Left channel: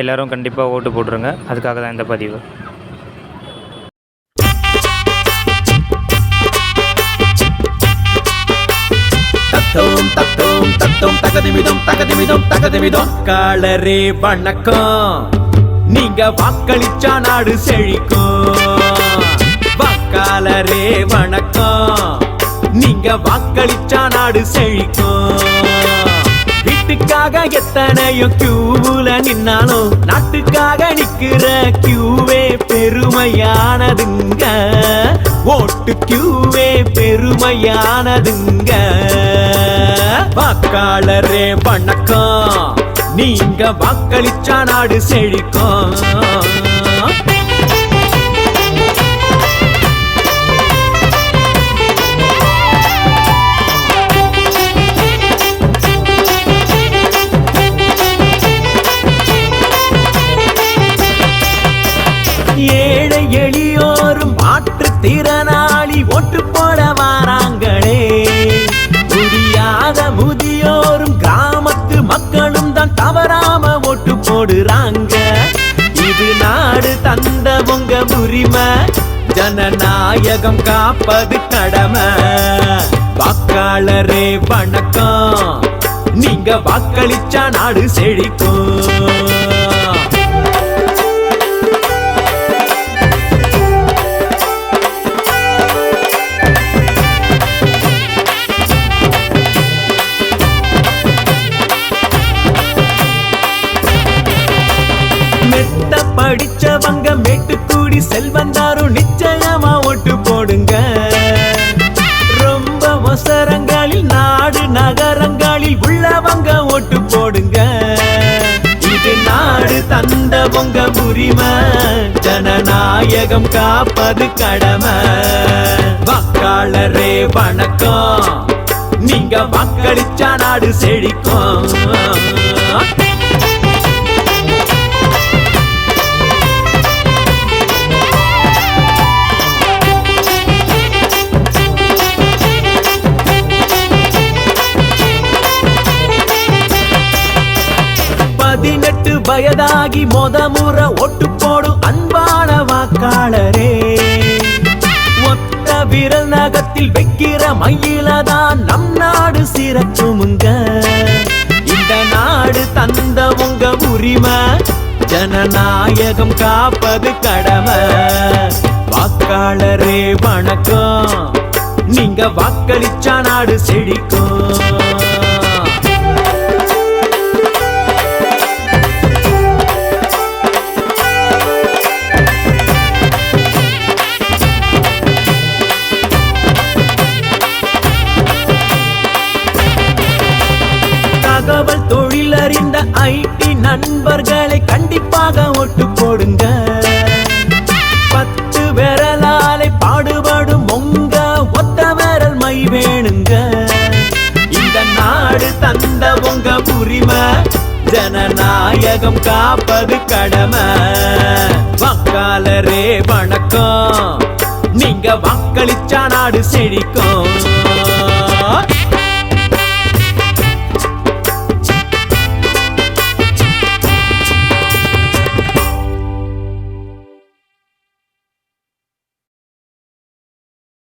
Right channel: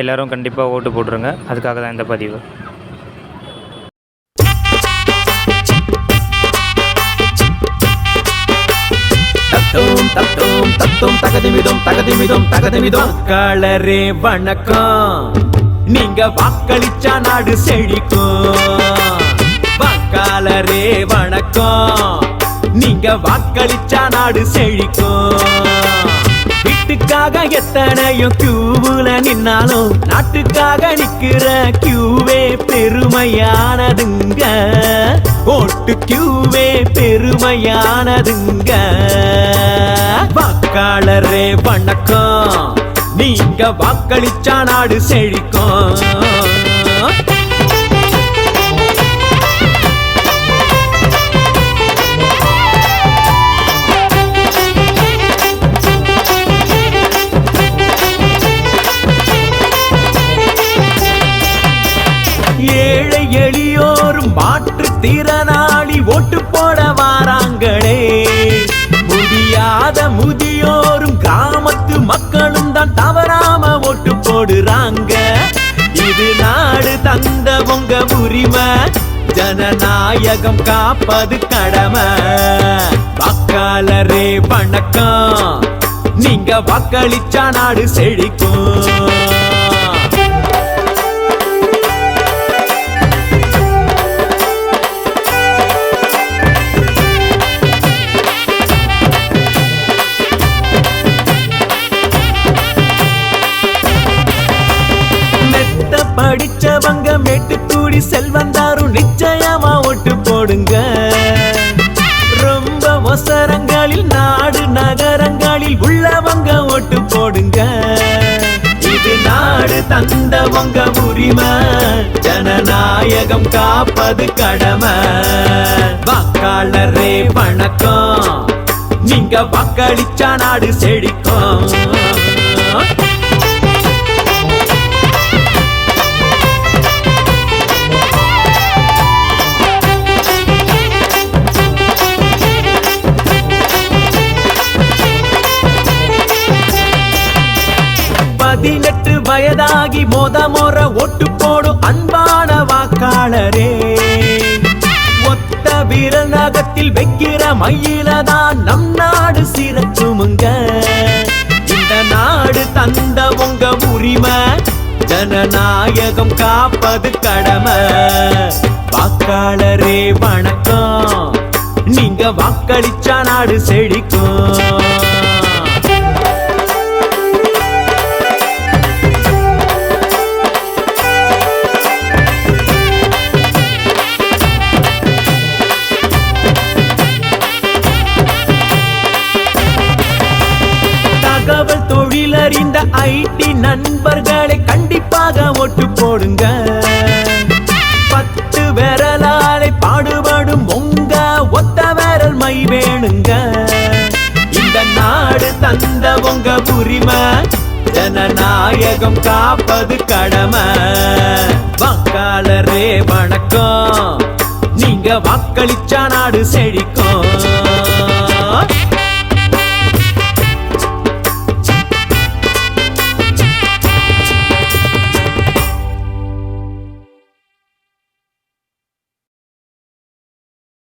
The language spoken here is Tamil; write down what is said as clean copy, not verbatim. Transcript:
எல்லோரும் கண்டிப்பாக ஓட்டு போட்டுருங்க. அதுக்காக தான் இந்த பதிவு. வாக்காளரே வணக்கம், நீங்க வாக்களிச்சா நாடு செழிக்கும். வாக்காளரே வணக்கம், நீங்க வாக்களிச்சா நாடு செழிக்கும். வீட்டுக்காக எத்தனையோ கியூவுல நின்னாலும் நாட்டுக்காக நிக்கிற கியூவே பெருமையானதுங்க. ஓட்டு கியூவே பெருமையானதுங்க. வாக்காளரே வணக்கம், நீங்க வாக்களிச்சா நாடு செழிக்கும். ஏழை எளியோரும் மாற்றுத்திறனாளி ஓட்டு போட வாராங்களே. முடியாத முதியோரும் கிராமத்து மக்களும் தான் தவறாம ஓட்டு போடுறாங்க. இது நாடு தந்த உங்க உரிமை, ஜனநாயகம் காப்பது கடமை. வாக்காளரே வணக்கம், நீங்க வாக்களிச்சா நாடு செழிக்கும். படிச்சவங்க மேட்டுக்கூடி செல்வந்தாரும் நிச்சயமா ஓட்டு போடுங்க. ரொம்ப அவசரங்களில் நாடு நகரங்களில் உள்ளவங்க ஓட்டு போடுங்க. இது நாடு தந்தவங்க உரிமை, ஜனநாயகம் காப்பது கடமை. வாக்காளரே வணக்கம், நீங்க வாக்களிச்சா நாடு செழிக்கும். வயதாகி முறை ஓட்டு போடும் அன்பான வாக்காளரே. ஒத்த விரல் நகத்தில் வைக்கிற மயிலதான் நம் நாடு சிறக்குமுங்க. இந்த நாடு தந்த உங்க உரிமை, ஜனநாயகம் காப்பது கடமை. வாக்காளரே வணக்கம், நீங்க வாக்களிச்சா நாடு செழிக்கும். தகவல் தொழிலறிந்த ஐடி நண்பர்களை கண்டிப்பாக ஓட்டு போடுங்க. 10 விரலாலை பாடுபடும் உங்க ஒத்த விரல் மை வேணுங்க. இந்த நாடு தந்த உங்க உரிமை, ஜனநாயகம் காப்பது கடமை. வாக்காளரே வணக்கம், நீங்க வாக்களிச்சா நாடு செழிக்கும்.